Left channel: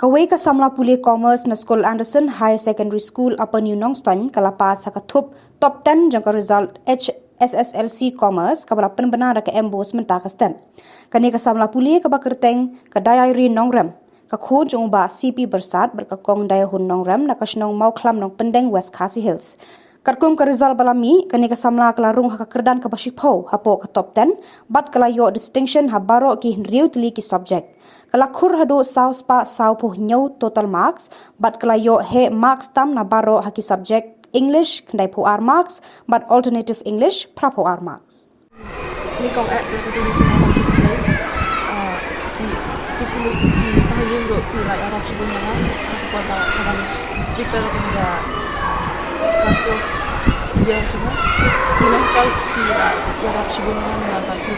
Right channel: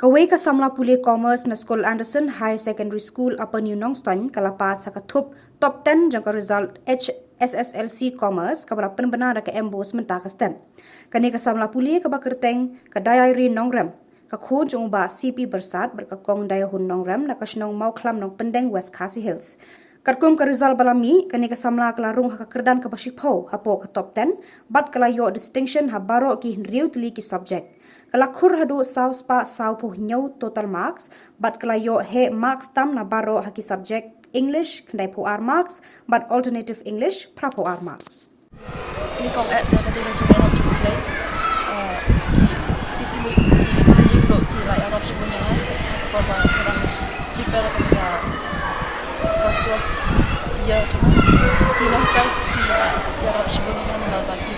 Kawai ka Samla Puli Commerce na School Anderson High Secondary School Upper New Nongstoin kalapas sakatup top 10 jangka result SSLC Commerce kabala penbenar ke embos mentakastem. Kani ka Samla Puli ka bakerteng ka dayai Nongrem ka khun jung ba CP bersat berkakong daya hun Nongrem na kasnong mau klam nong pendeng West Khasi Hills. Karkum ka result balami kani ka Samla kala rung ha Kyrdan ka bashipo hapo ka top 10 bat kala yo distinction ha baro ki riu tili ki subject. Kala khur hadu saus pa sau puh nyau total marks bat kala yo he marks tam na baro ha ki subject English kendai pu R marks but alternative English prapo R marks. Ni kong at na katulad sa Arab sa kulay ki mahalin lo ki lai Arab sa bunya kan pada kadang prepare ka nila pasto ya cuma ki lah kau ki Arab sa bunya kan na ki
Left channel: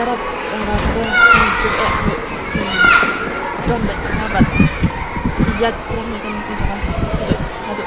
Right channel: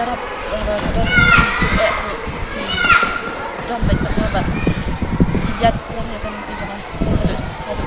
Arab kadang ki cuma ki don bet na bat ki yat orang ni kan ki jangan hadu